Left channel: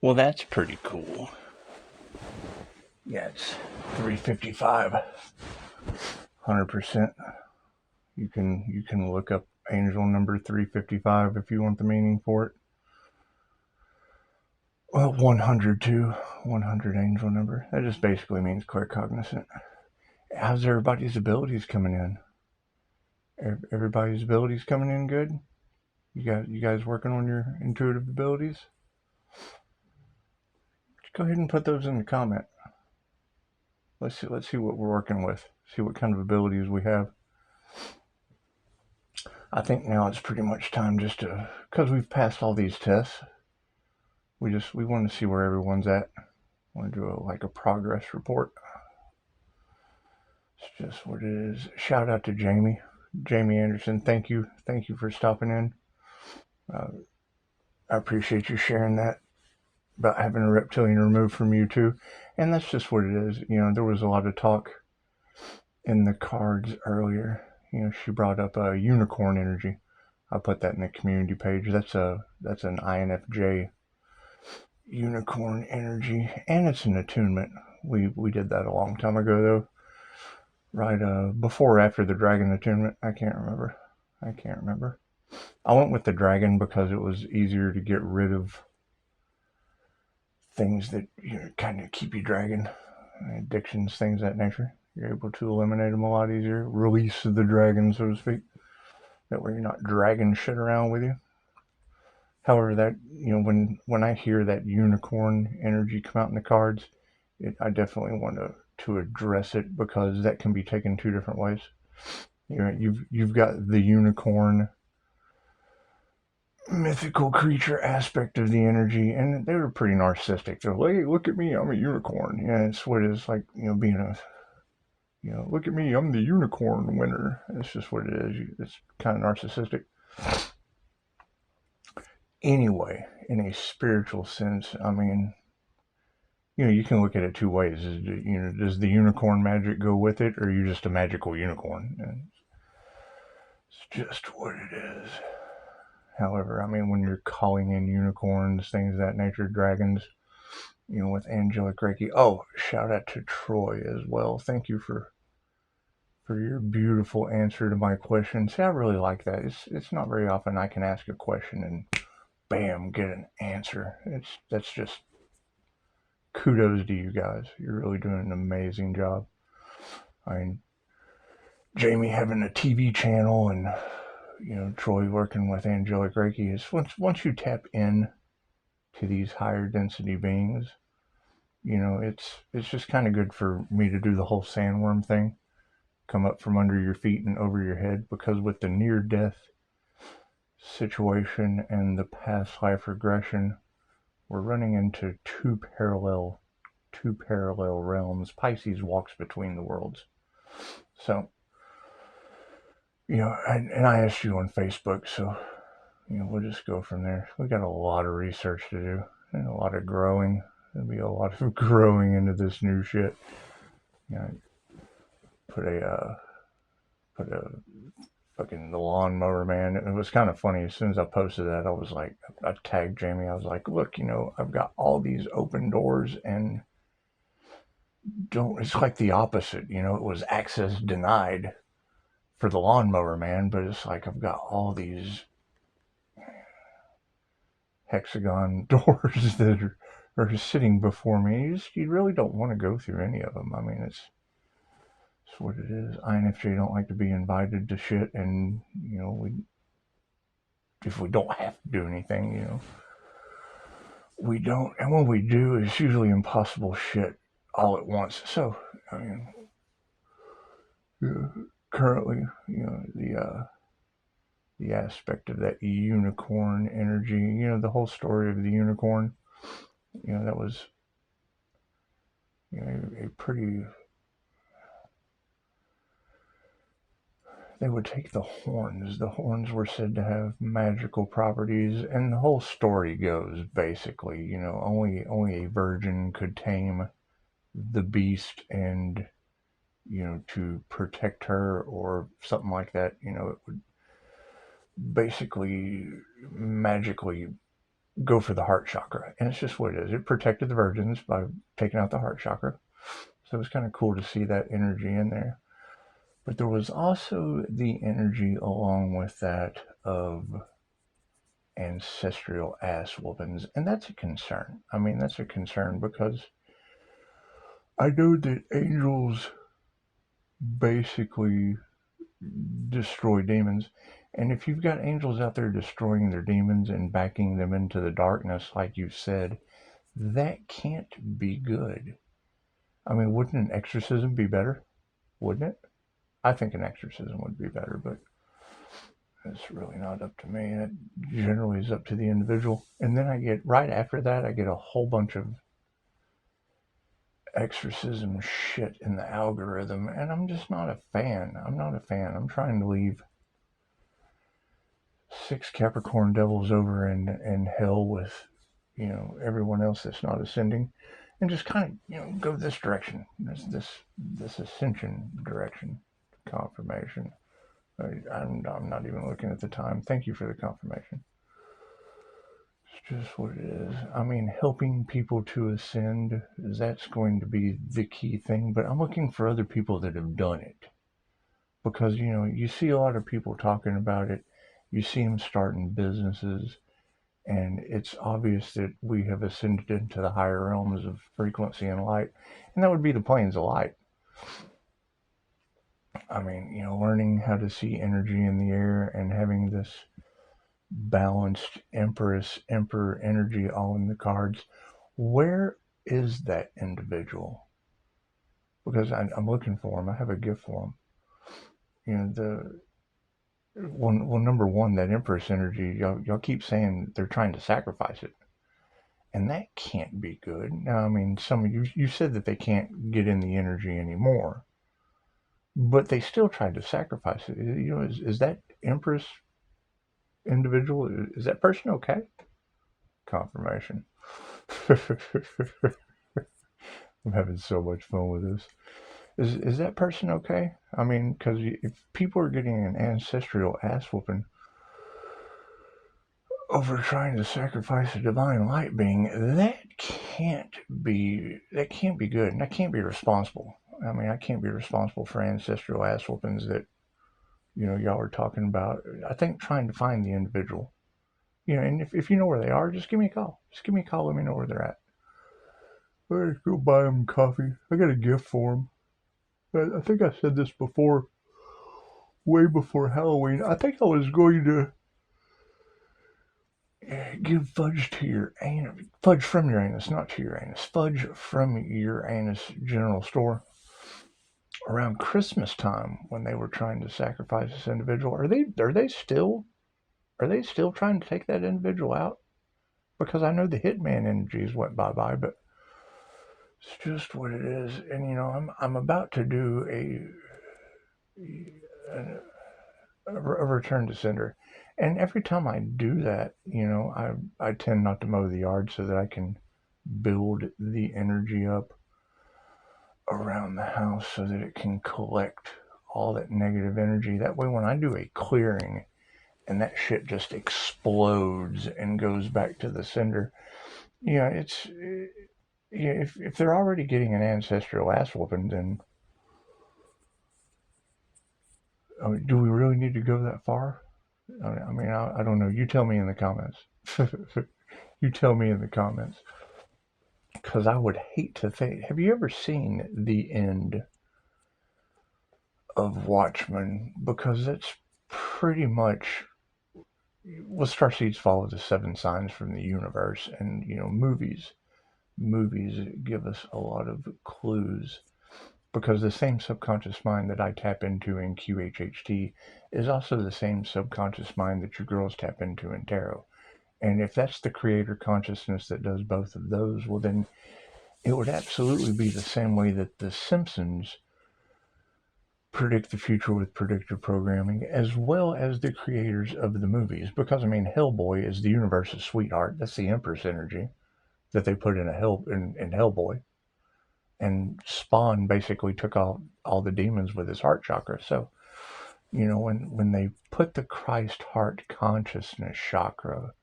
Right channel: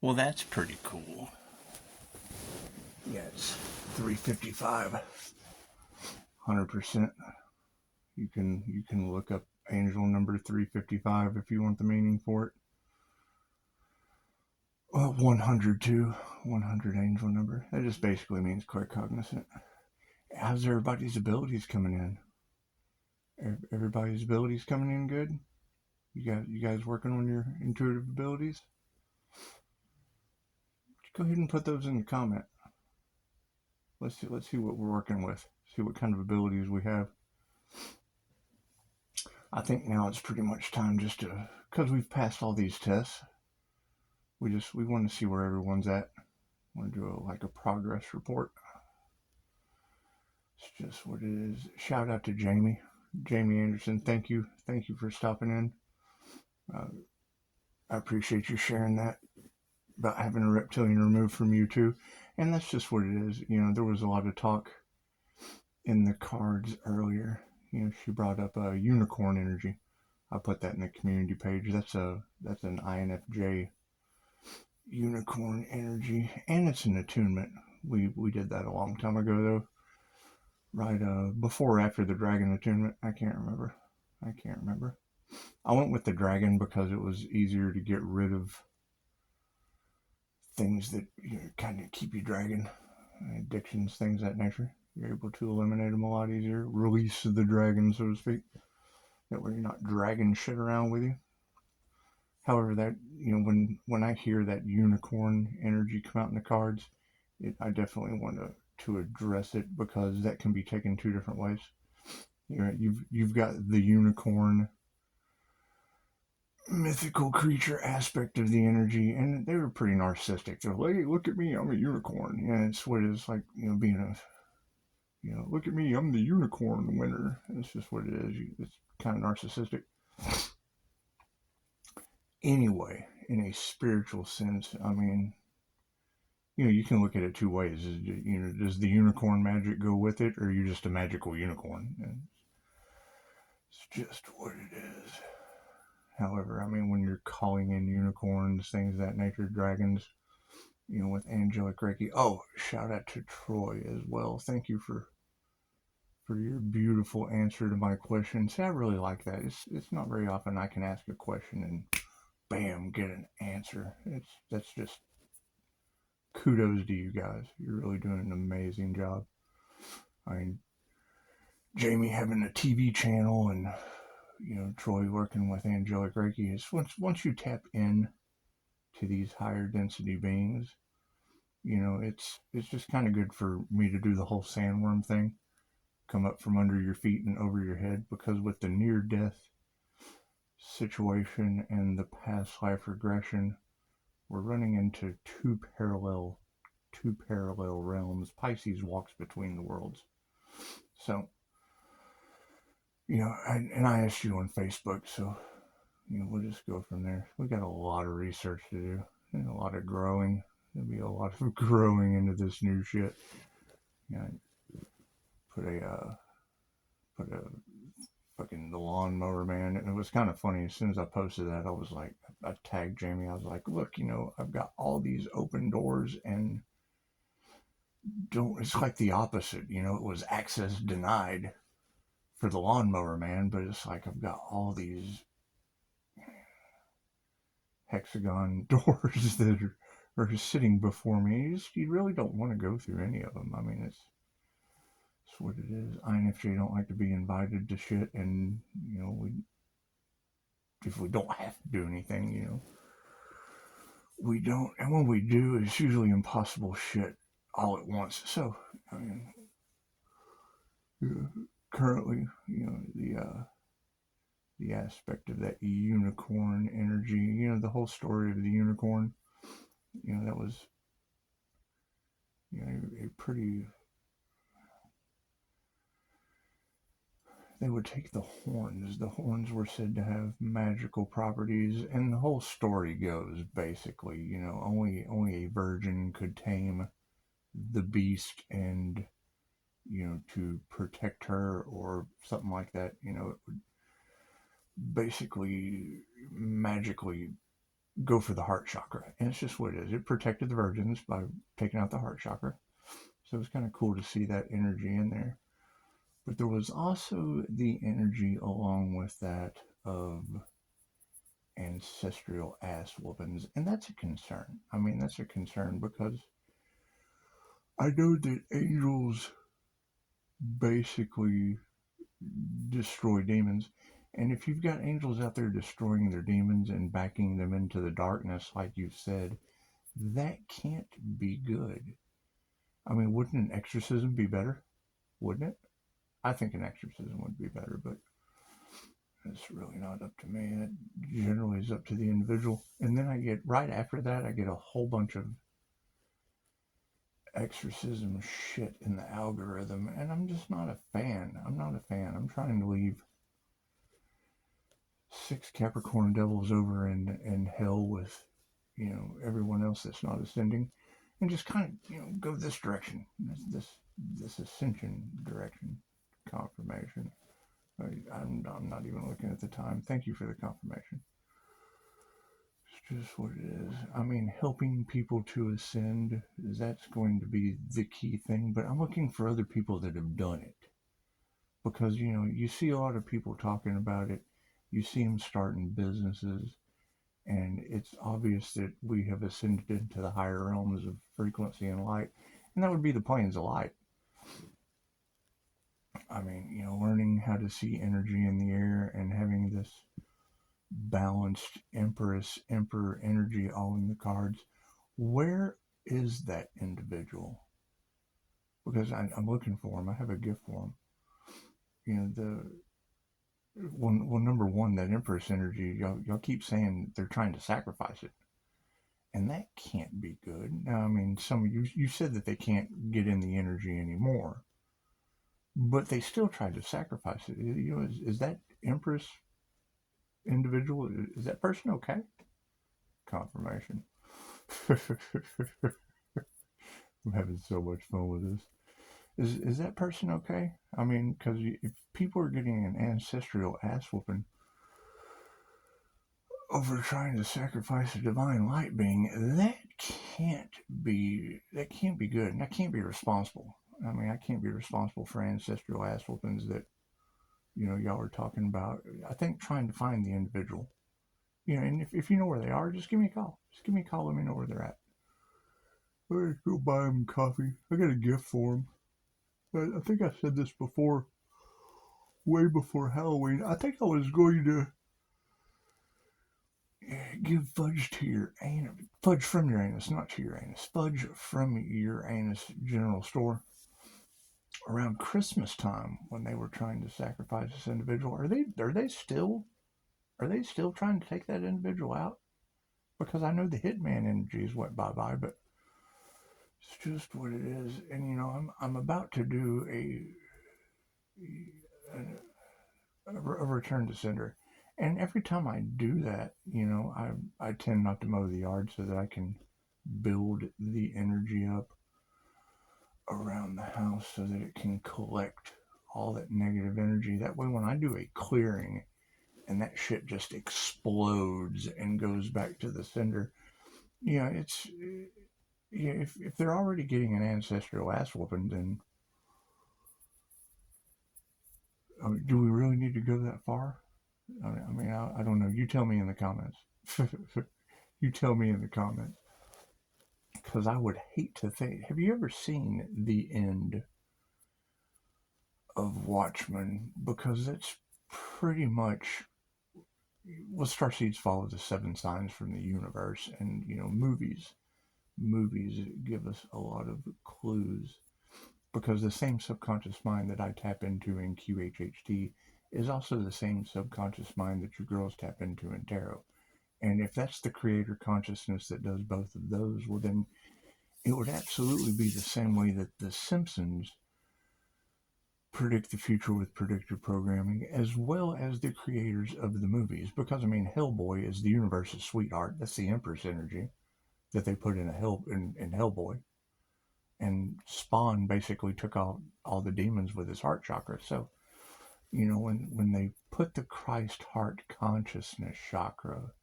Well, that's pretty cool. Yeah, it's 355. 100%. You can look up angel number 355 if you want the meaning for it. Well, 100 too. 100 angel number. That just basically means claircognizant. How's everybody's abilities coming in? Everybody's abilities coming in good? You guys working on your intuitive abilities? Go ahead and put those in the comment. Let's see what we're working with. See what kind of abilities we have. I think now it's pretty much time just to, because we've passed all these tests. We want to see where everyone's at. Want to do a progress report. It's just what it is. Shout out to Jamie Anderson. Thank you for stopping in. I appreciate you sharing that about having a reptilian removed from you too. And that's just what it is. There was a lot of talk in the cards earlier. She brought up a unicorn energy. I put that in the community page. That's an INFJ unicorn energy, and it's an attunement. We did that a long time ago though, right? Before or after the dragon attunement? I can't remember. I went with the dragon because it was easier to get rid of things that kind of keep you dragging, addictions, things of that nature. You're able to eliminate them a lot easier. Release the dragon, so to speak. That way you're not dragging shit around with you. However, that when I hear that unicorn energy come out in the cards, I definitely want to address it because that can be taken two different ways. You've got the unicorn mythical creature aspect of the energy, and they were pretty narcissistic. They're like, hey, look at me, I'm a unicorn. Yeah, it's what it is like, being a, look at me, I'm the unicorn winner. It's just what it is. It's kind of narcissistic. Anyway, in a spiritual sense, I mean, you can look at it two ways. Does the unicorn magic go with it, or are you just a magical unicorn? And it's just what it is. However, I mean, when you're calling in unicorns, things of that nature, dragons, with angelic Reiki. Oh, shout out to Troy as well. Thank you for your beautiful answer to my question. See, I really like that. It's not very often I can ask a question and bam, get an answer. That's just kudos to you guys. You're really doing an amazing job. I mean, Jamie having a TV channel and Troy working with angelic Reiki is once you tap in to these higher density beings, it's just kind of good for me to do the whole sandworm thing, come up from under your feet and over your head, because with the near death situation and the past life regression, we're running into two parallel realms. Pisces walks between the worlds. So, and I asked you on Facebook, so, we'll just go from there. We got a lot of research to do and a lot of growing. There'll be a lot of growing into this new shit. Put a fucking the lawnmower man. It was kind of funny. As soon as I posted that, I was like, I tagged Jamie. I was like, look, I've got all these open doors and it's like the opposite. It was access denied for the lawnmower man, but it's like I've got all these hexagon doors that are sitting before me. You really don't want to go through any of them. I mean, it's what it is. INFJ don't like to be invited to shit, and if we don't have to do anything, we don't. And when we do, it's usually impossible shit all at once. So, I mean, currently, the aspect of that unicorn energy, the whole story of the unicorn, that was a pretty. They would take the horns. The horns were said to have magical properties, and the whole story goes basically, only a virgin could tame the beast, and to protect her or something like that. It would basically magically go for the heart chakra. And it's just what it is. It protected the virgins by taking out the heart chakra. So it was kind of cool to see that energy in there. But there was also the energy along with that of ancestral ass whoopings. And that's a concern. I mean, that's a concern because I know that angels basically destroy demons. And if you've got angels out there destroying their demons and backing them into the darkness, like you said, that can't be good. I mean, wouldn't an exorcism be better? Wouldn't it? I think an exorcism would be better, but it's really not up to me. It generally is up to the individual. And then I get, right after that, I get a whole bunch of exorcism shit in the algorithm, and I'm just not a fan. I'm not a fan. I'm trying to leave 6 Capricorn devils over in hell with, everyone else that's not ascending, and just kind of, go this direction, this ascension direction. Confirmation. I'm not even looking at the time. Thank you for the confirmation. It's just what it is. I mean, helping people to ascend, that's going to be the key thing, but I'm looking for other people that have done it. Because, you see a lot of people talking about it. You see them starting businesses, and it's obvious that we have ascended into the higher realms of frequency and light, and that would be the planes of light. I mean, learning how to see energy in the air and having this balanced Empress, Emperor energy all in the cards. Where is that individual? Because I'm looking for him. I have a gift for him. Well, number one, that Empress energy, y'all keep saying they're trying to sacrifice it. And that can't be good. Now, I mean, some of you said that they can't get in the energy anymore, but they still tried to sacrifice it. Is that Empress individual, is that person okay? Confirmation. I'm having so much fun with this. Is that person okay? I mean, because if people are getting an ancestral ass whooping over trying to sacrifice a divine light being, that can't be good, and I can't be responsible. I mean, I can't be responsible for ancestral ass whoopings that y'all are talking about. I think trying to find the individual, and if you know where they are, just give me a call. Just give me a call. Let me know where they're at. I'm gonna go buy them coffee. I got a gift for them. I think I said this before, way before Halloween. I think I was going to give fudge to your anus. Fudge from Uranus, not to Uranus. Fudge from Uranus General Store around Christmas time when they were trying to sacrifice this individual. Are they still trying to take that individual out? Because I know the hitman energies went bye-bye, but it's just what it is. And I'm about to do a return to sender. And every time I do that, I tend not to mow the yard so that I can build the energy up around the house so that it can collect all that negative energy. That way, when I do a clearing and that shit just explodes and goes back to the sender, it's. If they're already getting an ancestral ass whooping, then do we really need to go that far? I mean, I don't know. You tell me in the comments. You tell me in the comments. Because I would hate to think. Have you ever seen the end of Watchmen? Because that's pretty much. Well, starseeds follow the 7 signs from the universe, and movies give us a lot of clues. Because the same subconscious mind that I tap into in QHHT is also the same subconscious mind that your girls tap into in tarot. And if that's the creator consciousness that does both of those, well, then it would absolutely be the same way that the Simpsons predict the future with predictive programming, as well as the creators of the movies. Because, I mean, Hellboy is the universe's sweetheart. That's the Empress energy that they put in in Hellboy. And Spawn basically took all the demons with his heart chakra. So, when they put the Christ heart consciousness chakra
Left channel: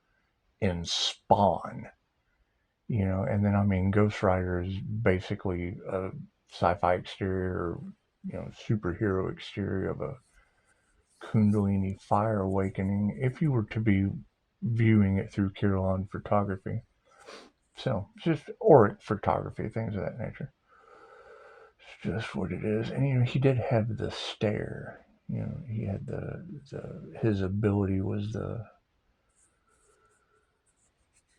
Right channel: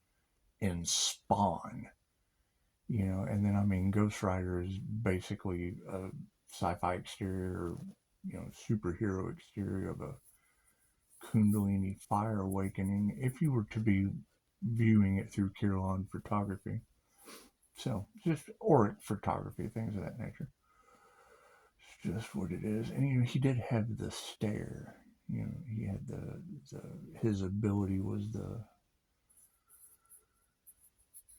in Spawn, you know. And then, I mean, Ghost Rider is basically a sci-fi exterior, you know, superhero exterior of a Kundalini fire awakening if you were to be viewing it through Kirilon photography. So, just auric photography, things of that nature. It's just what it is. And, you know, he did have the stare. You know, he had his ability was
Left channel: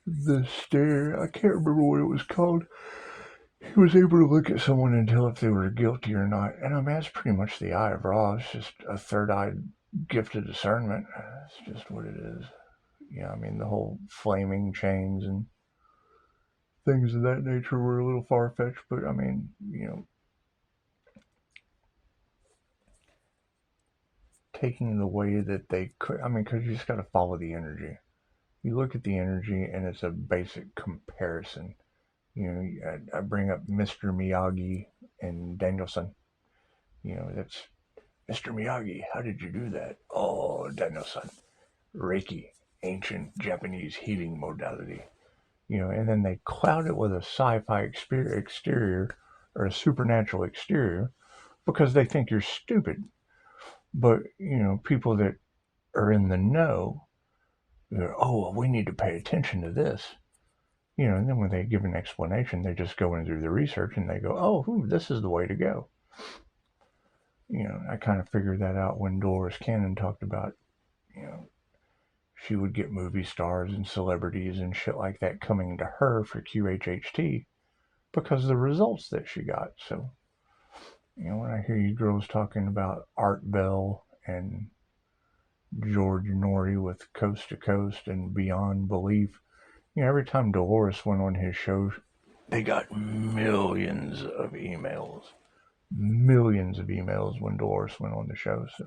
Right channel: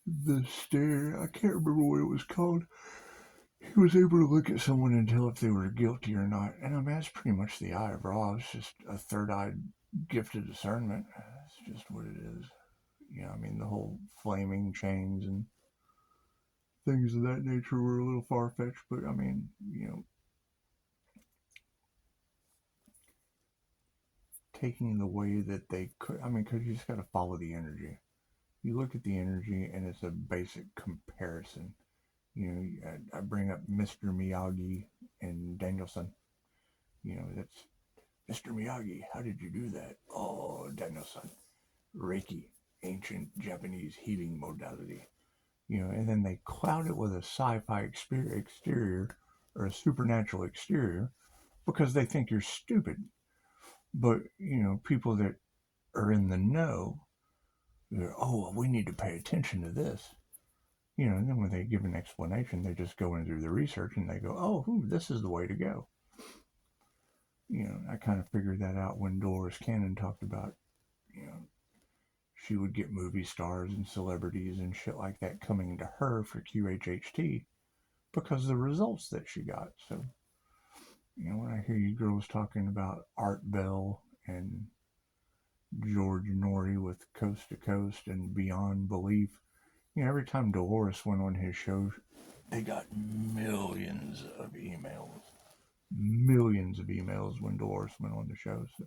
the stare. I can't remember what it was called. He was able to look at someone and tell if they were guilty or not. And I mean, that's pretty much the eye of Ra. It's just a third-eyed gift of discernment. It's just what it is. Yeah, I mean, the whole flaming chains and things of that nature were a little far-fetched, but I mean, you know, taking the way that they could, I mean, because you just got to follow the energy. You look at the energy and it's a basic comparison. You know, I bring up Mr. Miyagi and Danielson. You know, that's Mr. Miyagi. How did you do that? Oh, Danielson. Reiki, ancient Japanese healing modality. You know, and then they cloud it with a sci-fi exterior or a supernatural exterior because they think you're stupid. But, you know, people that are in the know, they're, oh, well, we need to pay attention to this. You know, and then when they give an explanation, they just go and do the research and they go, oh, this is the way to go. You know, I kind of figured that out when Dolores Cannon talked about, you know, she would get movie stars and celebrities and shit like that coming to her for QHHT because of the results that she got. So, you know, when I hear you girls talking about Art Bell and George Norrie with Coast to Coast and Beyond Belief, you know, every time Dolores went on his show, they got millions of emails. Millions of emails when Dolores went on the show. So,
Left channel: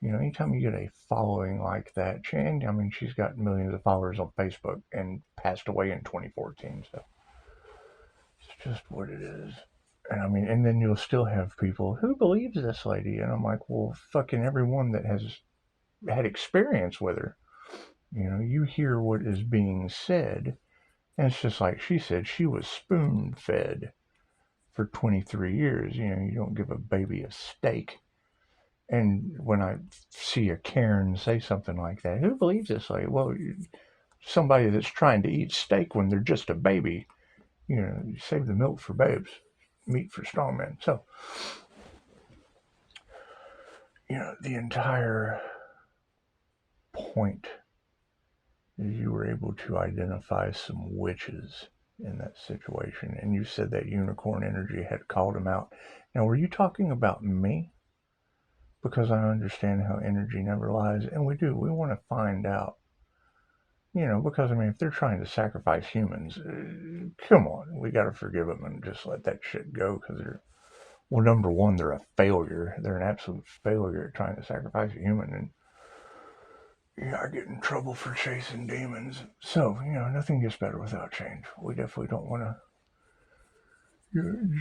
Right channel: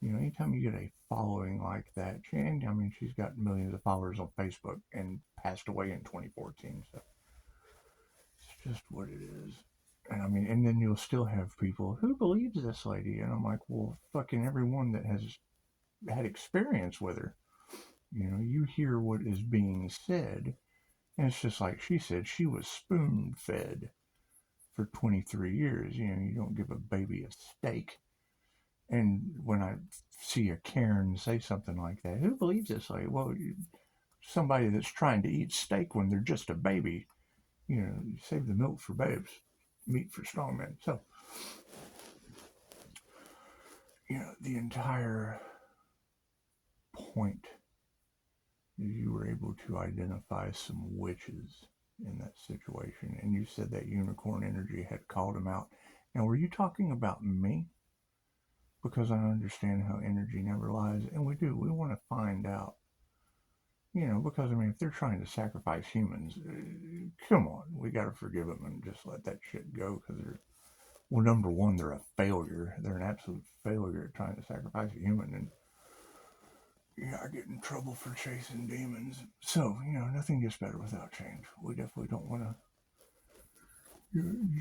you know, anytime you get a following like that, and I mean, she's got millions of followers on Facebook and passed away in 2014. So it's just what it is. And I mean, and then you'll still have people who believes this lady, and I'm like, well, fucking everyone that has had experience with her, you know, you hear what is being said, and it's just like she said, she was spoon fed for 23 years. You know, you don't give a baby a steak. And when I see a Karen say something like that, who believes this? Like, well, somebody that's trying to eat steak when they're just a baby, you know, you save the milk for babes, meat for strong men. So, you know, the entire point is you were able to identify some witches in that situation. And you said that unicorn energy had called them out. Now, were you talking about me? Because I understand how energy never lies, and we do. We want to find out, you know, because I mean, if they're trying to sacrifice humans, come on, we got to forgive them and just let that shit go. Because they're, well, number one, they're a failure. They're an absolute failure at trying to sacrifice a human, and yeah, I get in trouble for chasing demons. So, you know, nothing gets better without change. We definitely don't want to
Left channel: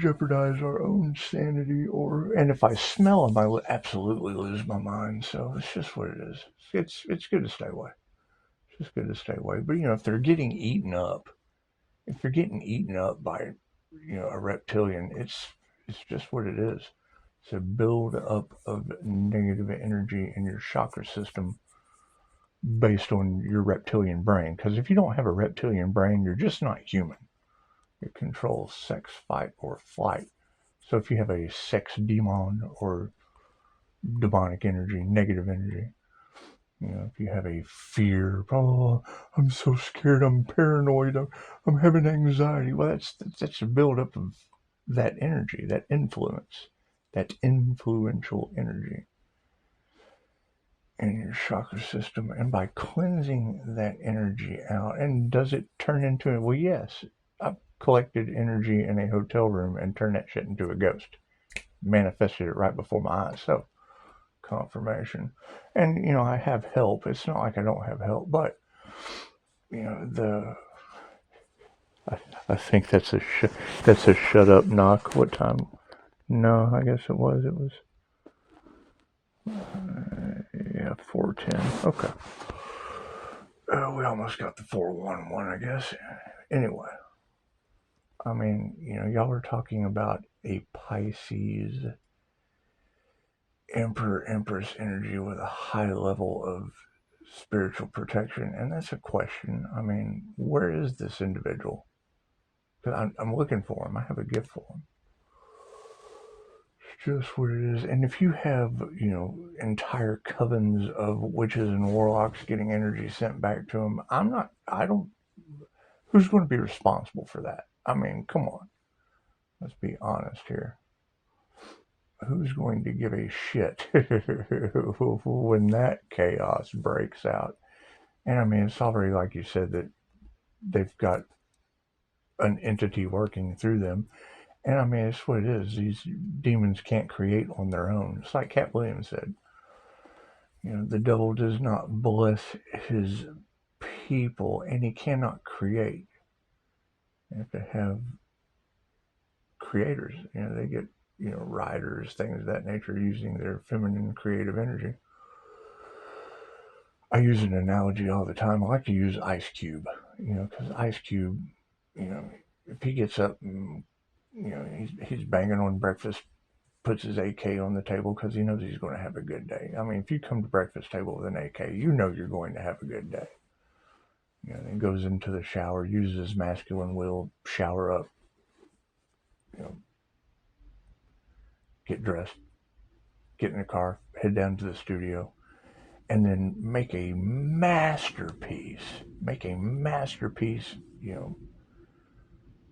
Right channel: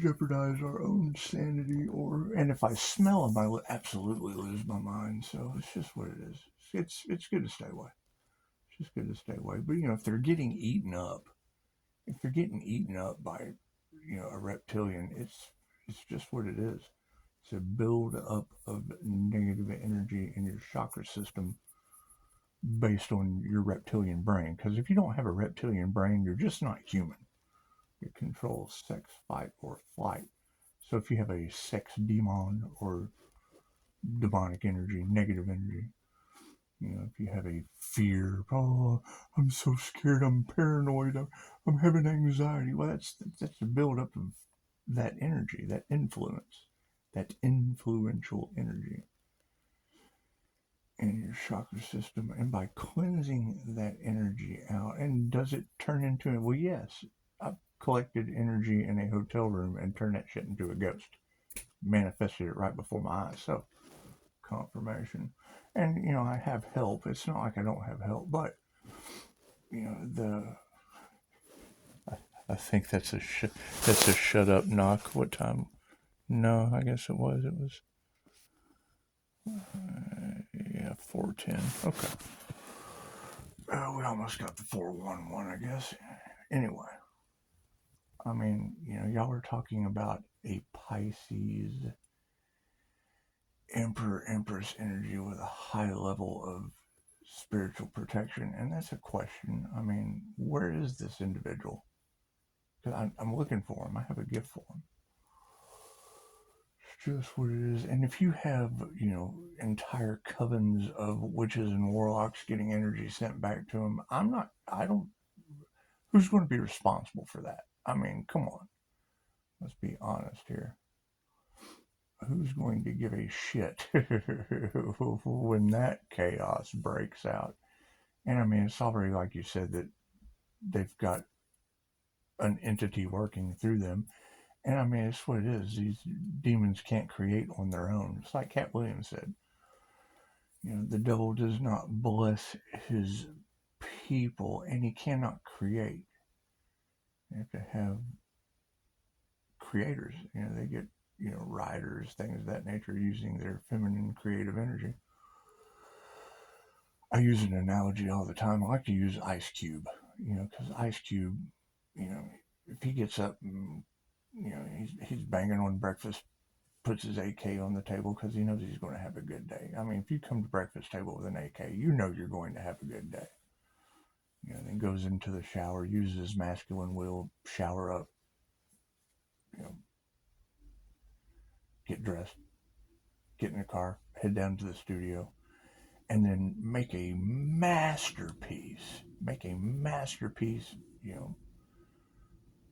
jeopardize our own sanity, and if I smell them, I will absolutely lose my mind. So it's just what it is. It's good to stay away. It's just good to stay away. But you know, if they're getting eaten up, if you're getting eaten up by, you know, a reptilian, it's just what it is. It's a build up of negative energy in your chakra system based on your reptilian brain. Because if you don't have a reptilian brain, you're just not human. It controls sex, fight, or flight. So if you have a sex demon or demonic energy, negative energy, you know, if you have a fear, oh, I'm so scared, I'm paranoid, I'm having anxiety. Well, that's a buildup of that energy, that influence, that influential energy in your chakra system. And by cleansing that energy out, and does it turn into it? Well, yes. I've collected energy in a hotel room and turned that shit into a ghost. Manifested it right before my eyes. So, confirmation. And, you know, I have help. It's not like I don't have help, but, you know, I think that's a shut up knock. What time? No, I guess it was. Yeah, 4:10. Okay. We almost got the 411, I guess. Anyway, I mean, y'all are talking about a Pisces Emperor Empress energy with a high level of spiritual protection, and that's a question. I mean, where is this individual? Because I'm looking for him. I have a gift for him. It's just what it is. And if you have, entire covens of witches and warlocks getting energy sent back to them, I don't, who's going to be responsible for that? I mean, come on. Let's be honest here. Who's going to give a shit when that chaos breaks out? And I mean, it's already like you said that they've got an entity working through them. And I mean, it's what it is. These demons can't create on their own. It's like Cat Williams said. The devil does not bless his people, and he cannot create. You have to have creators. They get, writers, things of that nature, using their feminine creative energy. I use an analogy all the time. I like to use Ice Cube, because Ice Cube, if he gets up and, he's banging on breakfast, puts his AK on the table because he knows he's going to have a good day. I mean, if you come to breakfast table with an AK, you know you're going to have a good day. Then goes into the shower, uses his masculine will, shower up, get dressed, get in the car, head down to the studio, and then make a masterpiece,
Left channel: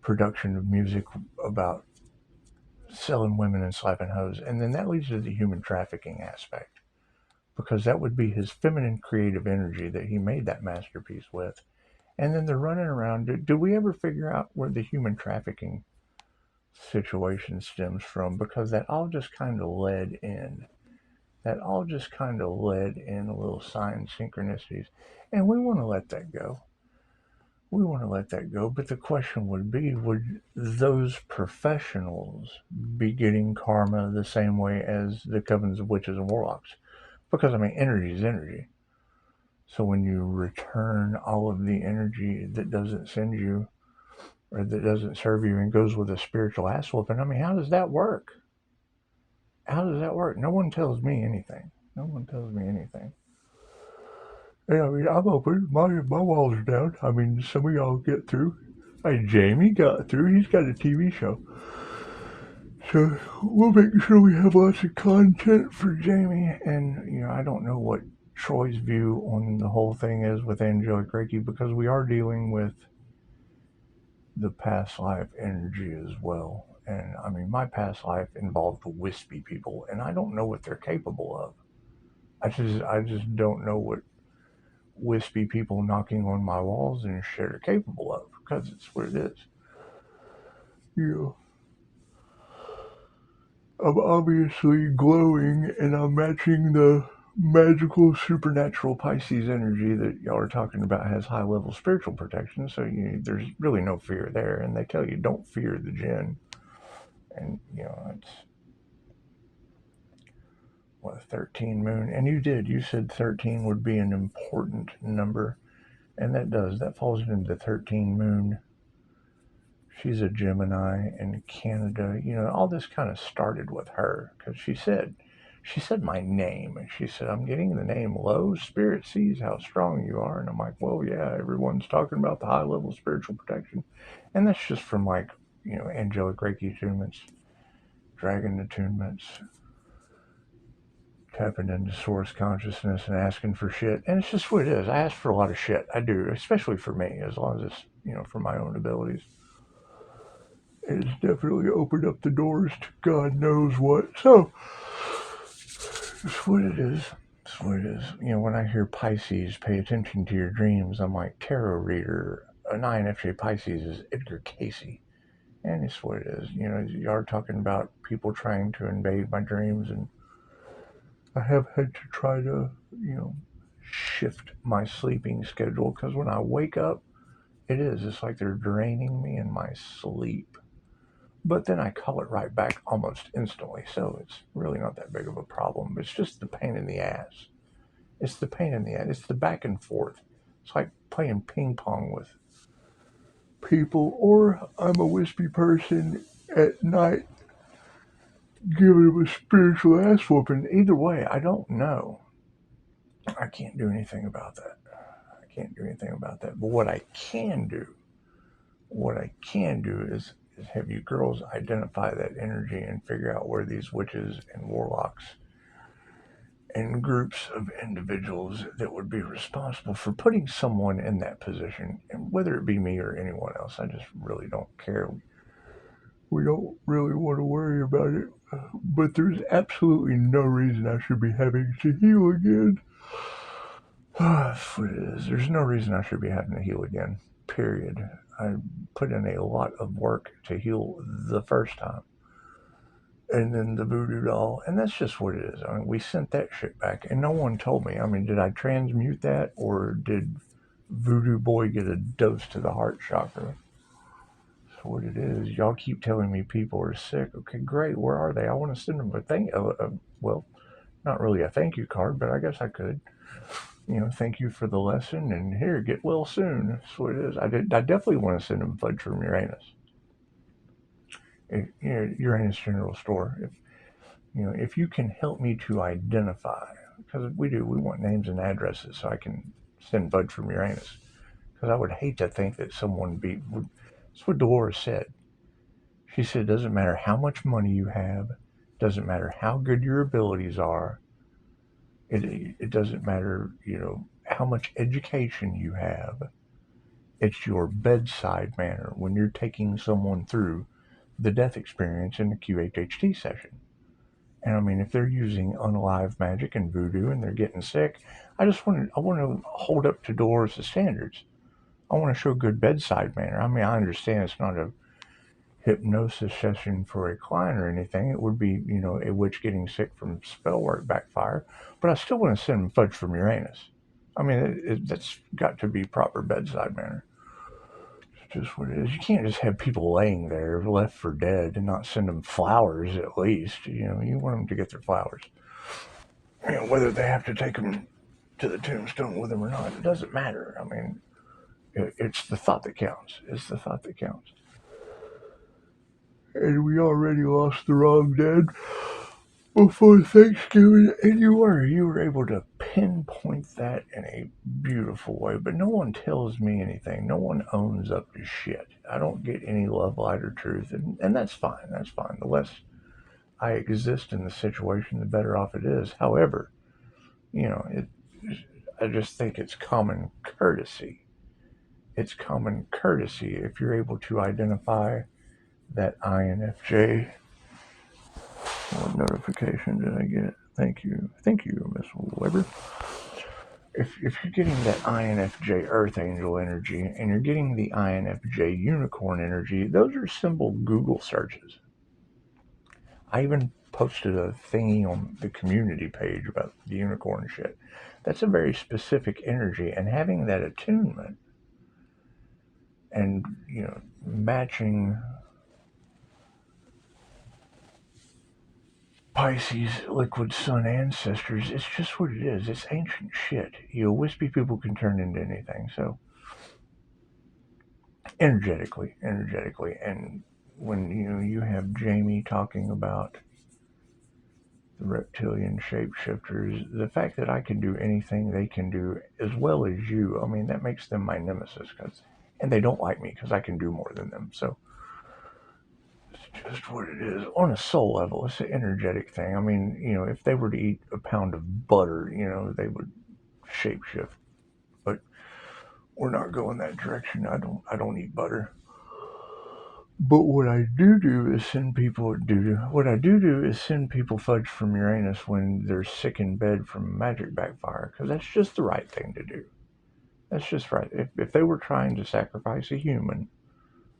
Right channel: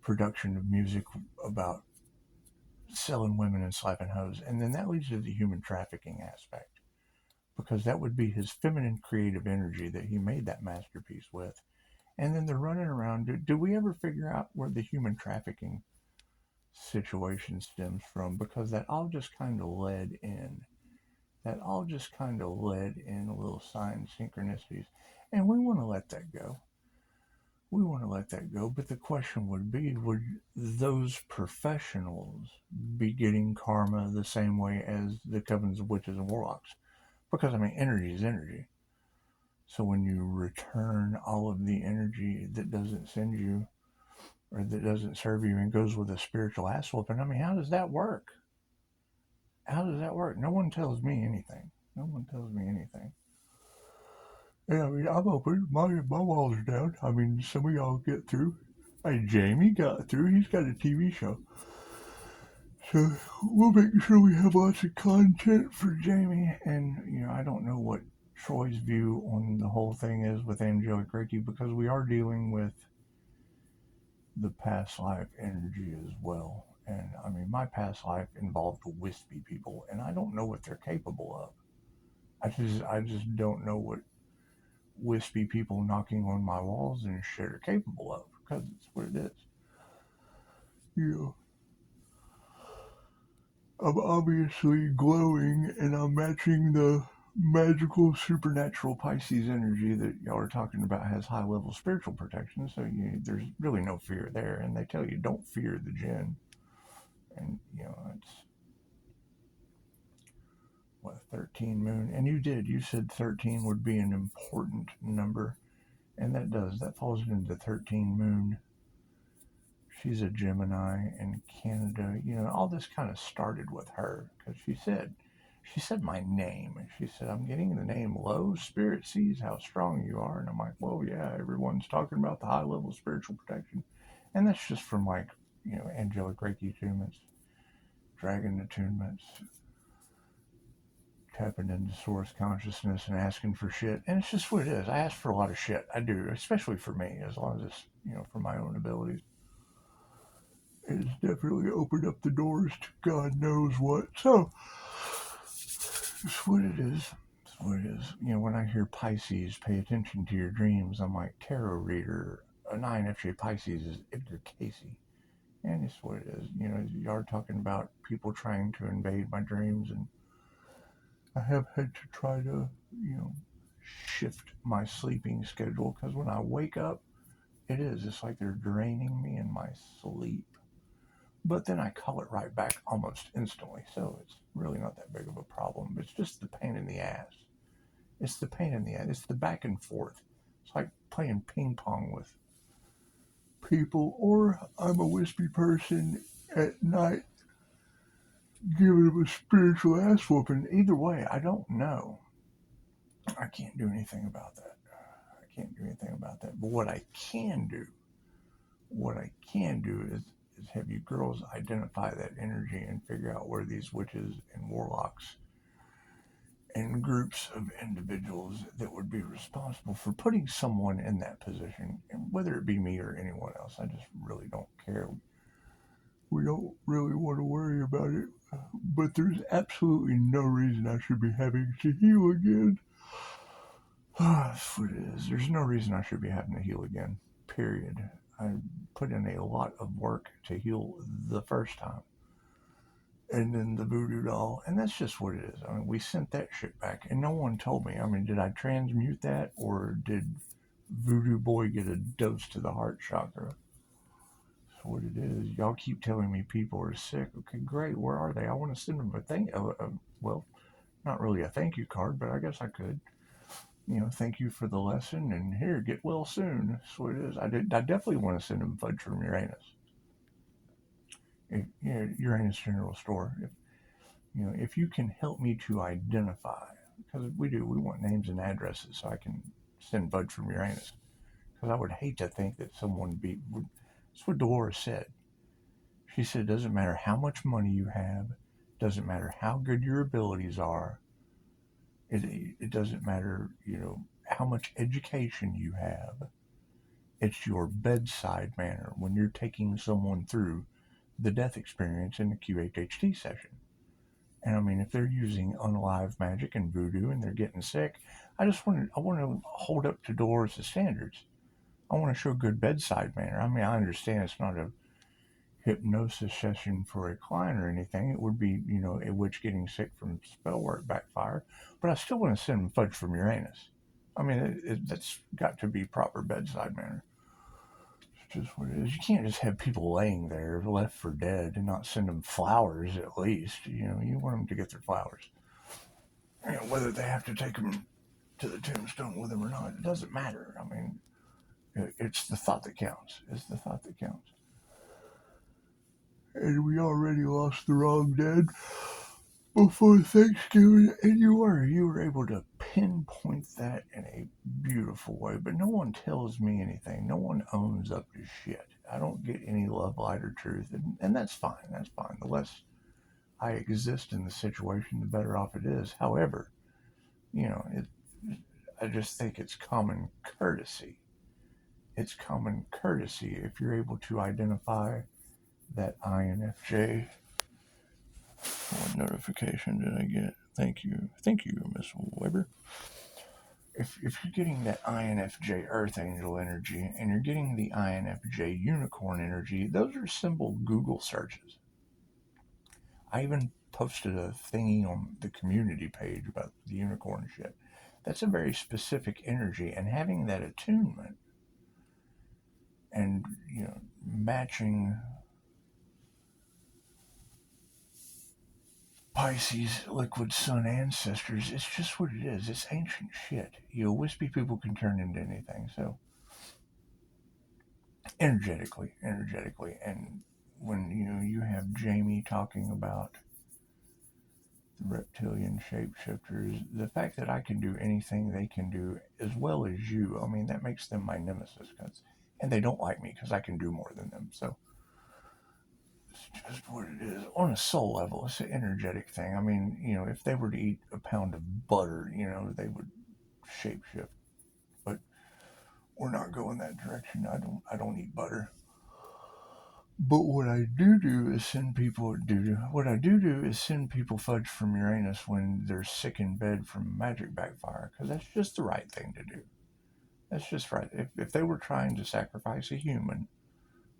production of music about selling women and slapping hoes. And then that leads to the human trafficking aspect, because that would be his feminine creative energy that he made that masterpiece with. And then they're running around. Do we ever figure out where the human trafficking situation stems from? Because that all just kind of led in. A little sign synchronicities. And we want to let that go. But the question would be, would those professionals be getting karma the same way as the covens of witches and warlocks? Because, I mean, energy is energy. So when you return all of the energy that doesn't send you, or that doesn't serve you, and goes with a spiritual ass whooping, I mean, how does that work? No one tells me anything. Yeah, I mean, I'm open. My walls are down. I mean, some of y'all get through. Jamie got through. He's got a TV show. So we'll make sure we have lots of content for Jamie. And, I don't know what Troy's view on the whole thing is with angelic Reiki, because we are dealing with the past life energy as well. And I mean, my past life involved wispy people, and I don't know what they're capable of. I just don't know what wispy people knocking on my walls and shit are capable of, because it's what it is. Yeah. I'm obviously glowing, and I'm matching the magical supernatural Pisces energy that y'all are talking about has high level spiritual protection, so there's really no fear there. And they tell you don't fear the jinn. And it's what, 13 moon. And you said 13 would be an important number, and that falls into the 13 moon. She's a Gemini in Canada. All this kind of started with her, because she said my name, and she said, I'm getting the name Low. Spirit sees how strong you are. And I'm like, well, yeah, everyone's talking about the high level spiritual protection. And that's just from, like, angelic Reiki attunements, dragon attunements, tapping into source consciousness and asking for shit. And it's just what it is. I ask for a lot of shit. I do, especially for me, as long as it's, for my own abilities. It's definitely opened up the doors to God knows what. So, it's what it is. When I hear Pisces, pay attention to your dreams, I'm like, tarot reader. An INFJ Pisces is Edgar Casey. And it's what it is. You are talking about people trying to invade my dreams, and I have had to try to, shift my sleeping schedule, because when I wake up, it's like they're draining me in my sleep. But then I call it right back almost instantly, so it's really not that big of a problem. It's just the pain in the ass. It's the pain in the ass. It's the back and forth It's like playing ping pong with people, or I'm a wispy person at night giving them a spiritual ass whooping. Either way, I don't know. I can't do anything about that. I can't do anything about that. But what I can do is have you girls identify that energy and figure out where these witches and warlocks and groups of individuals that would be responsible for putting someone in that position, and whether it be me or anyone else, I just really don't care. We don't really want to worry about it, but there's absolutely no reason I should be having to heal again. That's what it is. There's no reason I should be having to heal again. Period. I put in a lot of work to heal the first time. And then the voodoo doll, and that's just what it is. I mean, we sent that shit back, and no one told me. I mean, did I transmute that, or did Voodoo Boy get a dose to the heart chakra? That's what it is. Y'all keep telling me people are sick. Okay, great. Where are they? I want to send them well, not really a thank you card, but I guess I could. Thank you for the lesson, and here, get well soon. That's what it is. I definitely want to send them Fudge from Uranus. Uranus General Store. If you can help me to identify, because we want names and addresses so I can send Fudge from Uranus. Because I would hate to think that someone that's what Dolores said. She said, it doesn't matter how much money you have, doesn't matter how good your abilities are, it doesn't matter, how much education you have. It's your bedside manner when you're taking someone through the death experience in the QHHT session. And I mean, if they're using unalive magic and voodoo and they're getting sick, I want to hold up to Dolores' standards. I want to show good bedside manner. I mean, I understand it's not a hypnosis session for a client or anything. It would be, a witch getting sick from spell work backfire, but I still want to send them Fudge from Uranus. I mean, that's got to be proper bedside manner. It's just what it is. You can't just have people laying there left for dead and not send them flowers at least. You want them to get their flowers. Whether they have to take them to the tombstone with them or not, it doesn't matter. I mean, it's the thought that counts. It's the thought that counts. And we already lost the wrong dead before Thanksgiving, and you were able to pinpoint that in a beautiful way. But no one tells me anything. No one owns up to shit. I don't get any love, light, or truth, and that's fine. That's fine. The less I exist in the situation, the better off it is. However, I just think it's common courtesy. It's common courtesy if you're able to identify that INFJ. What notification did I get? Thank you, Miss Weber. If you're getting that INFJ Earth Angel energy and you're getting the INFJ Unicorn energy, those are simple Google searches. I even posted a thingy on the community page about the unicorn shit. That's a very specific energy, and having that attunement and matching Pisces liquid sun ancestors, it's just what it is. It's ancient shit. Wispy people can turn into anything. So energetically, and when you have Jamie talking about the reptilian shapeshifters, the fact that I can do anything they can do as well as you, I mean, that makes them my nemesis, and they don't like me because I can do more than them. So it's just what it is. On a soul level, it's an energetic thing. I mean, if they were to eat a pound of butter, they would shapeshift. But we're not going that direction. I don't eat butter. But what I do is send people Fudge from Uranus when they're sick in bed from magic backfire, because that's just the right thing to do. That's just right. If they were trying to sacrifice a human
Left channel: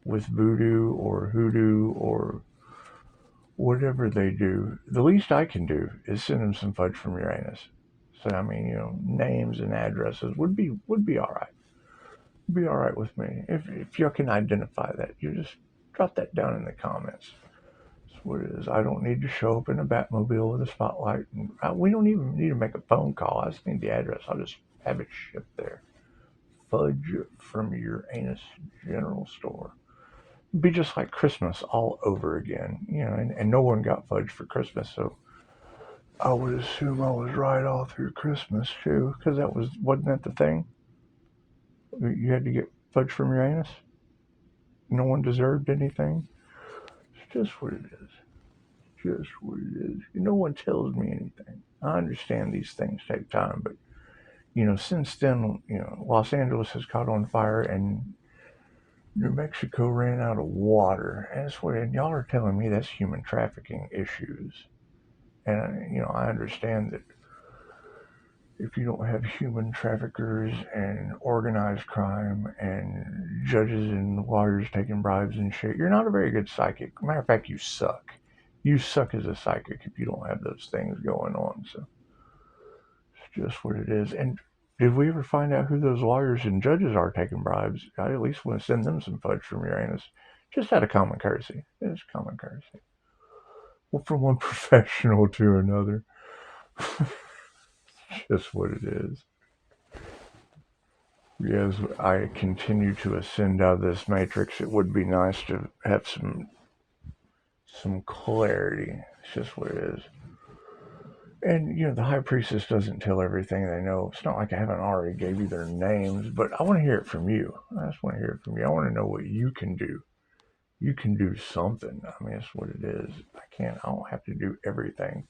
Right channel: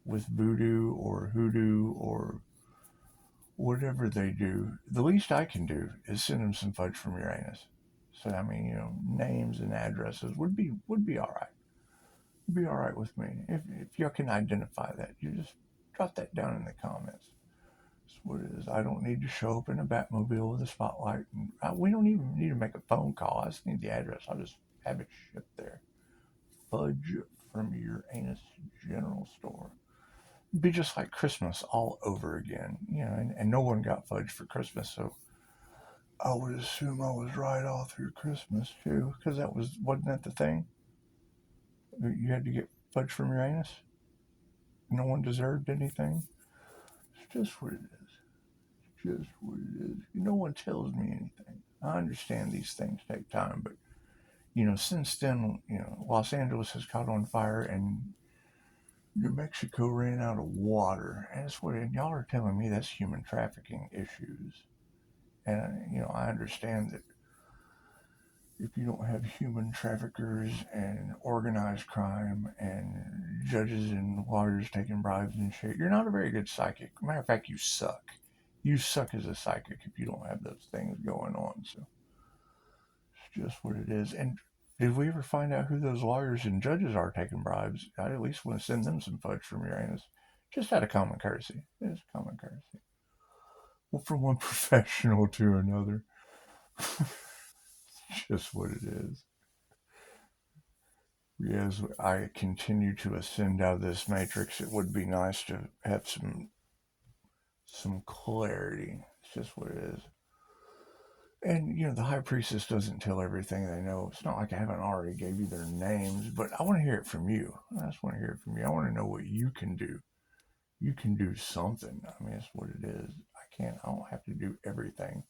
with voodoo or hoodoo or whatever they do, the least I can do is send them some Fudge from Uranus. So I mean, names and addresses would be all right. Be all right with me if you can identify that. You just drop that down in the comments. That's what it is. I don't need to show up in a Batmobile with a spotlight, and we don't even need to make a phone call. I just need the address. I'll just have it shipped there. Fudge from Uranus General Store. It'd be just like Christmas all over again, and no one got fudge for Christmas, so I would assume I was right all through Christmas too, because wasn't that the thing? You had to get fudge from Uranus. No one deserved anything. It's just what it is. Just what it is. No one tells me anything. I understand these things take time, but since then, Los Angeles has caught on fire and New Mexico ran out of water. And y'all are telling me that's human trafficking issues. And, I understand that if you don't have human traffickers and organized crime and judges and lawyers taking bribes and shit, you're not a very good psychic. Matter of fact, you suck. You suck as a psychic if you don't have those things going on. So it's just what it is. And did we ever find out who those lawyers and judges are taking bribes? I at least want to send them some fudge from Uranus, just out of common courtesy. It's common courtesy. Well, from one professional to another. Just what it is. As I continue to ascend out of this matrix, it would be nice to have some clarity. It's just what it is. And the high priestess doesn't tell everything they know. It's not like I haven't already gave you their names, but I want to hear it from you. I just want to hear it from you. I want to know what you can do. You can do something. I mean, that's what it is. I don't have to do everything.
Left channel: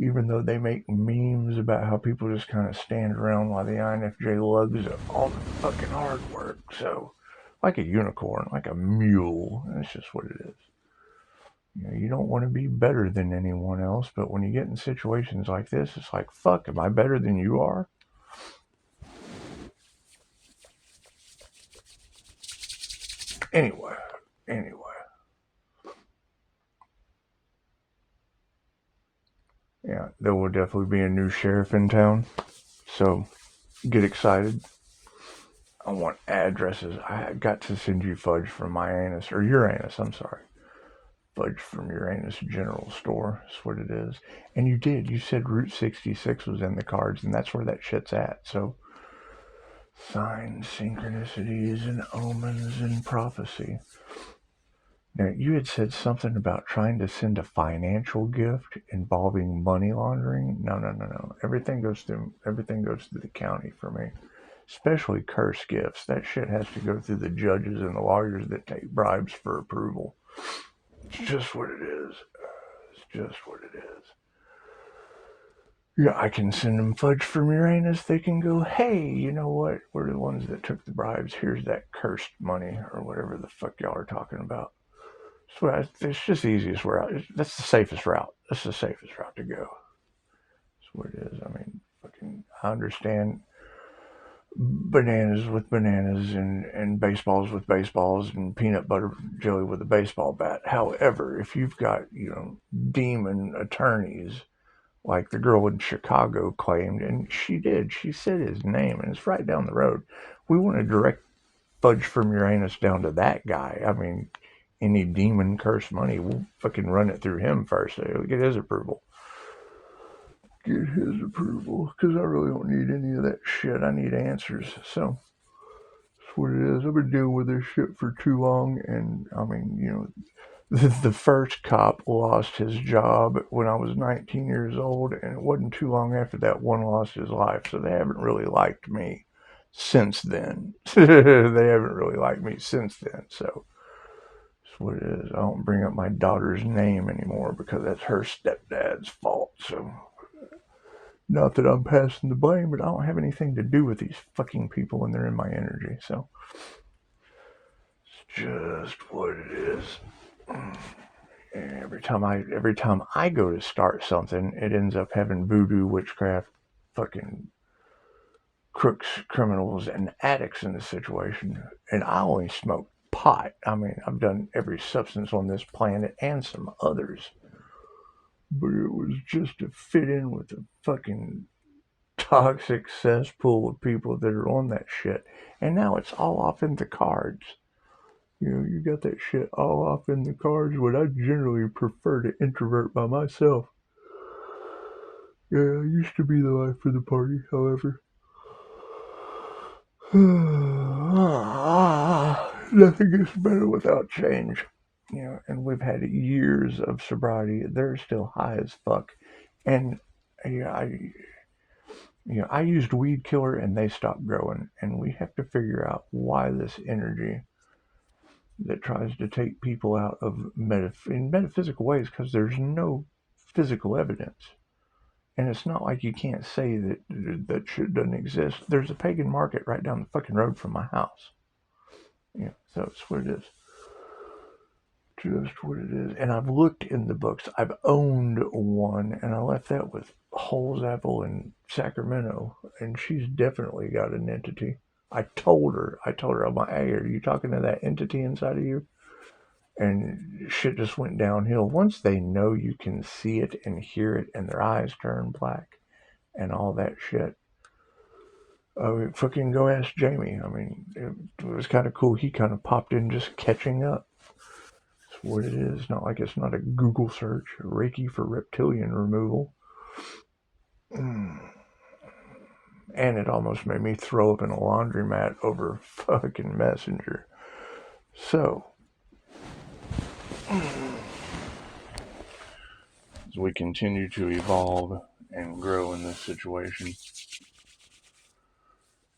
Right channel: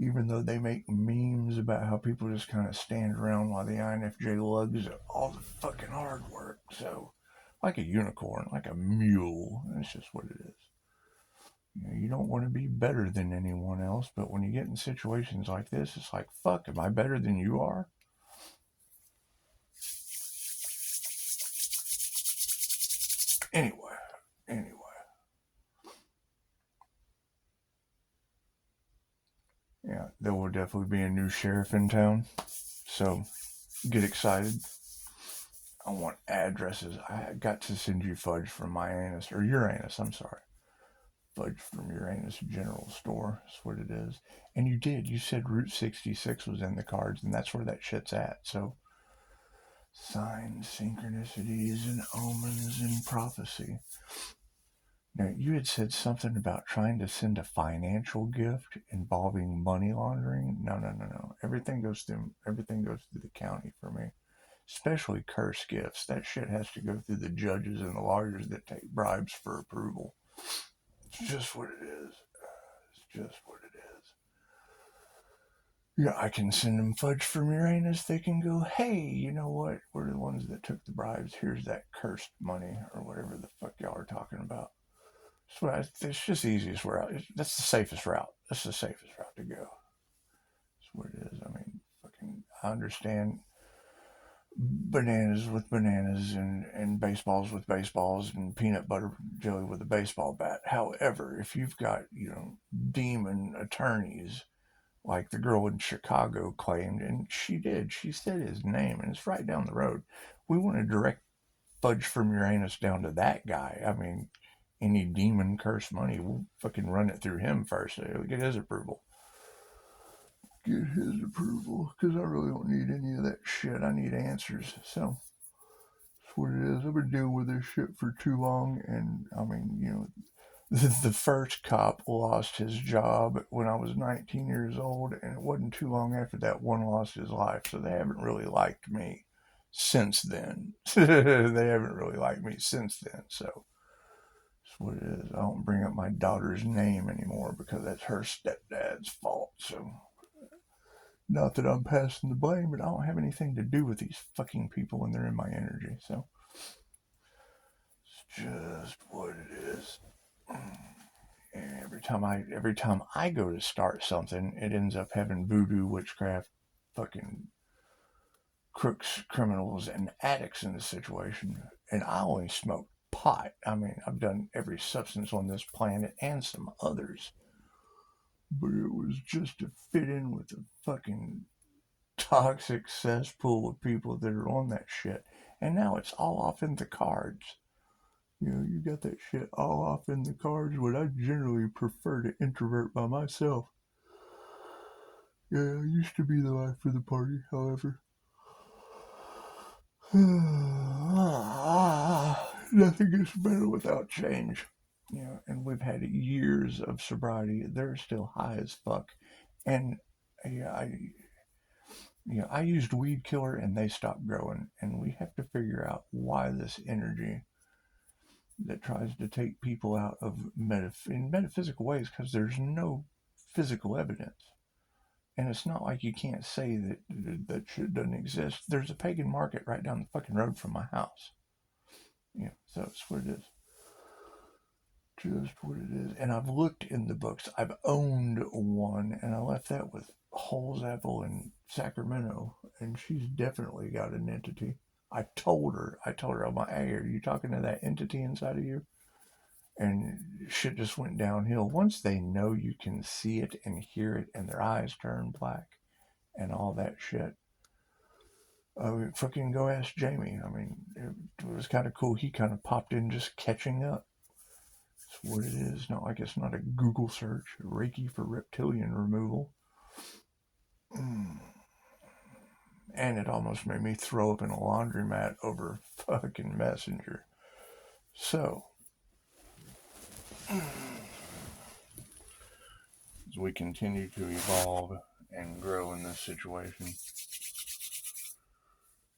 Even though they make memes about how people just kind of stand around while the INFJ lugs all the fucking hard work. So, like a unicorn, like a mule. That's just what it is. You don't want to be better than anyone else, but when you get in situations like this, it's like, fuck, am I better than you are? Anyway. Yeah, there will definitely be a new sheriff in town. So, get excited. I want addresses. I got to send you fudge from Uranus, I'm sorry. Fudge from Uranus General Store. That's what it is. And you did. You said Route 66 was in the cards, and that's where that shit's at. So, signs, synchronicities, and omens and prophecy. Now, you had said something about trying to send a financial gift involving money laundering. No. Everything goes through the county for me. Especially curse gifts. That shit has to go through the judges and the lawyers that take bribes for approval. It's just what it is. It's just what it is. Yeah, I can send them fudge from Uranus. They can go, hey, you know what? We're the ones that took the bribes. Here's that cursed money or whatever the fuck y'all are talking about. So it's just the easiest route. That's the safest route. That's the safest route to go. That's what it is. I mean, I understand bananas with bananas and baseballs with baseballs and peanut butter jelly with a baseball bat. However, if you've got, demon attorneys like the girl in Chicago claimed, and she did, she said his name, and it's right down the road. We want to direct fudge from Uranus down to that guy. I mean, any demon cursed money, we'll fucking run it through him first. We'll get his approval. Because I really don't need any of that shit. I need answers. So, that's what it is. I've been dealing with this shit for too long, and I mean, the first cop lost his job when I was 19 years old, and it wasn't too long after that one lost his life, so they haven't really liked me since then. They haven't really liked me since then, so that's what it is. I don't bring up my daughter's name anymore because that's her stepdad's fault, so not that I'm passing the blame, but I don't have anything to do with these fucking people when they're in my energy, so it's just what it is. And every time I go to start something, it ends up having voodoo, witchcraft, fucking crooks, criminals, and addicts in the situation. And I only smoke pot. I mean, I've done every substance on this planet and some others. But it was just to fit in with the fucking toxic cesspool of people that are on that shit. And now it's all off in the cards. You got that shit all off in the cards, but I generally prefer to introvert by myself. Yeah, I used to be the life of the party, however. Nothing gets better without change. And we've had years of sobriety. They're still high as fuck. And I used weed killer and they stopped growing. And we have to figure out why this energy that tries to take people out of in metaphysical ways, because there's no physical evidence. And it's not like you can't say that shit doesn't exist. There's a pagan market right down the fucking road from my house. So it's what it is. Just what it is. And I've looked in the books. I've owned one, and I left that with Holzapfel in Sacramento, and she's definitely got an entity. I told her, I'm like, hey, are you talking to that entity inside of you? And shit just went downhill. Once they know you can see it and hear it, and their eyes turn black, and all that shit. Fucking go ask Jamie. I mean, it was kind of cool. He kind of popped in just catching up. That's what it is. Not like it's not a Google search. Reiki for reptilian removal. And it almost made me throw up in a laundromat over fucking Messenger. So, as we continue to evolve and grow in this situation,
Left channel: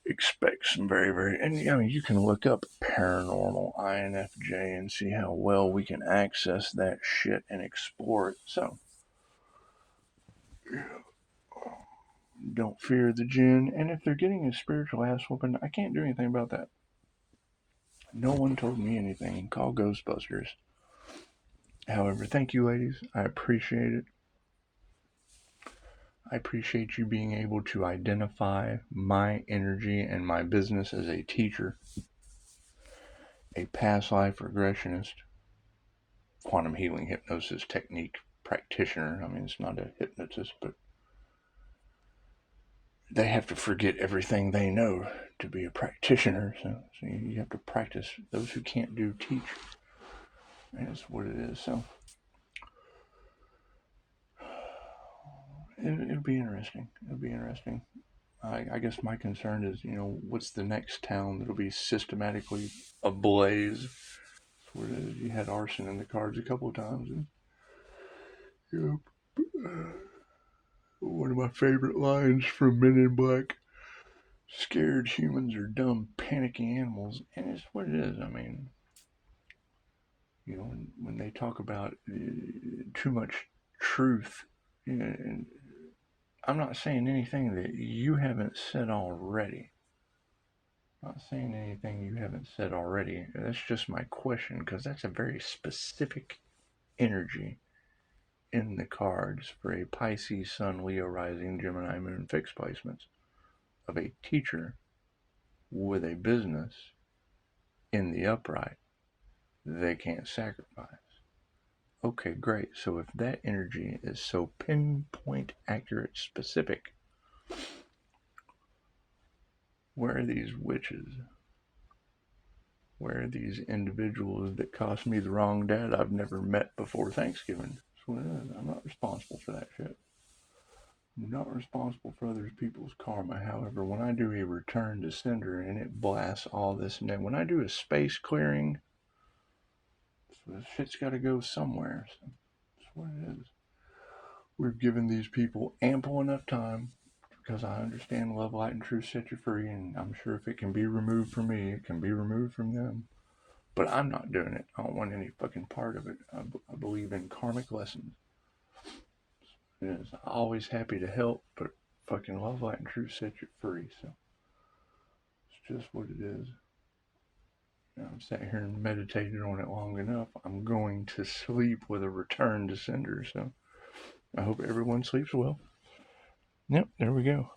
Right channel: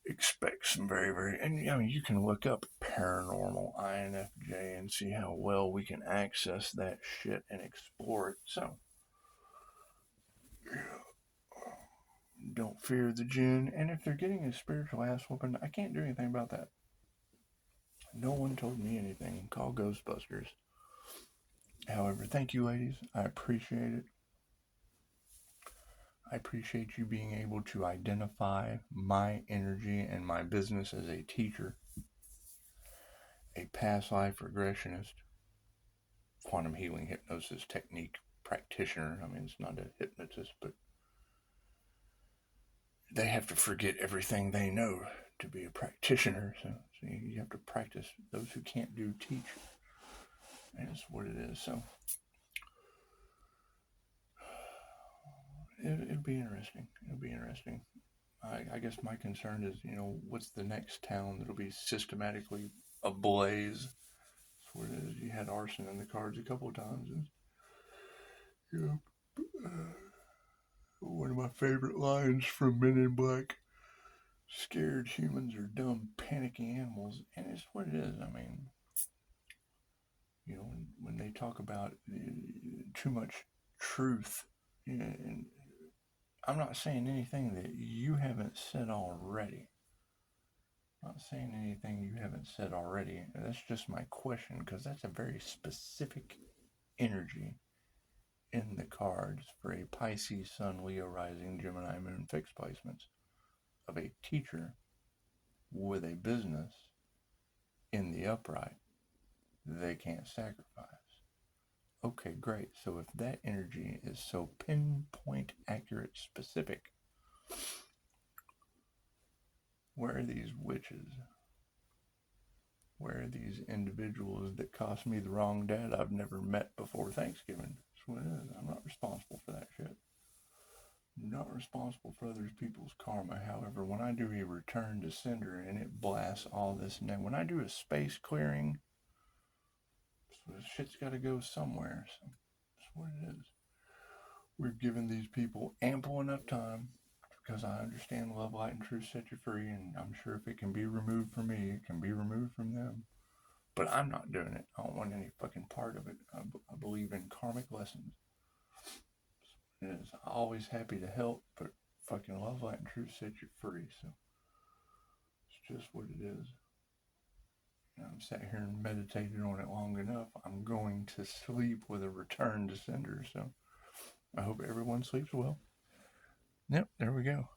expect some very, very, and you can look up paranormal INFJ and see how well we can access that shit and explore it. So, don't fear the jinn, and if they're getting a spiritual ass whooping, I can't do anything about that. No one told me anything. Call Ghostbusters. However, thank you, ladies. I appreciate it. I appreciate you being able to identify my energy and my business as a teacher, a past life regressionist, quantum healing hypnosis technique practitioner. I mean, it's not a hypnotist, but they have to forget everything they know to be a practitioner. So you have to practice. Those who can't do, teach. That's what it is. So it'll be interesting. I guess my concern is, what's the next town that'll be systematically ablaze? That's what it is. You had arson in the cards a couple of times. And, one of my favorite lines from Men in Black: scared humans are dumb, panicky animals. And it's what it is. I mean, when they talk about too much truth, and I'm not saying anything that you haven't said already. Not saying anything you haven't said already. That's just my question, because that's a very specific energy in the cards for a Pisces, Sun, Leo, Rising, Gemini, Moon fixed placements of a teacher with a business in the upright they can't sacrifice. Okay, great. So if that energy is so pinpoint, accurate, specific, where are these witches? Where are these individuals that cost me the wrong dad I've never met before Thanksgiving? That's what it is. I'm not responsible for that shit. I'm not responsible for other people's karma. However, when I do a return to sender and it blasts all this, and then when I do a space clearing, so this shit's got to go somewhere. So that's what it is. We've given these people ample enough time, because I understand love, light, and truth set you free, and I'm sure if it can be removed from me, it can be removed from them. But I'm not doing it. I don't want any fucking part of it. I believe in karmic lessons. I'm always happy to help, but fucking love, light, and truth set you free. So it's just what it is. I've sat here and meditated on it long enough. I'm going to sleep with a return to sender. So I hope everyone sleeps well. Yep, there we go.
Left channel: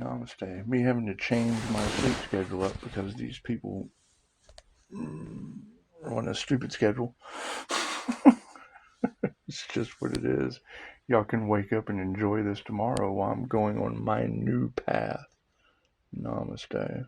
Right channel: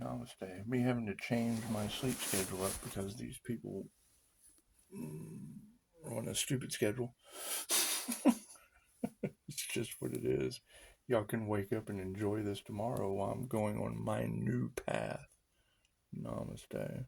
Namaste. Me having to change my sleep schedule up because these people are on a stupid schedule. It's just what it is. Y'all can wake up and enjoy this tomorrow while I'm going on my new path. Namaste.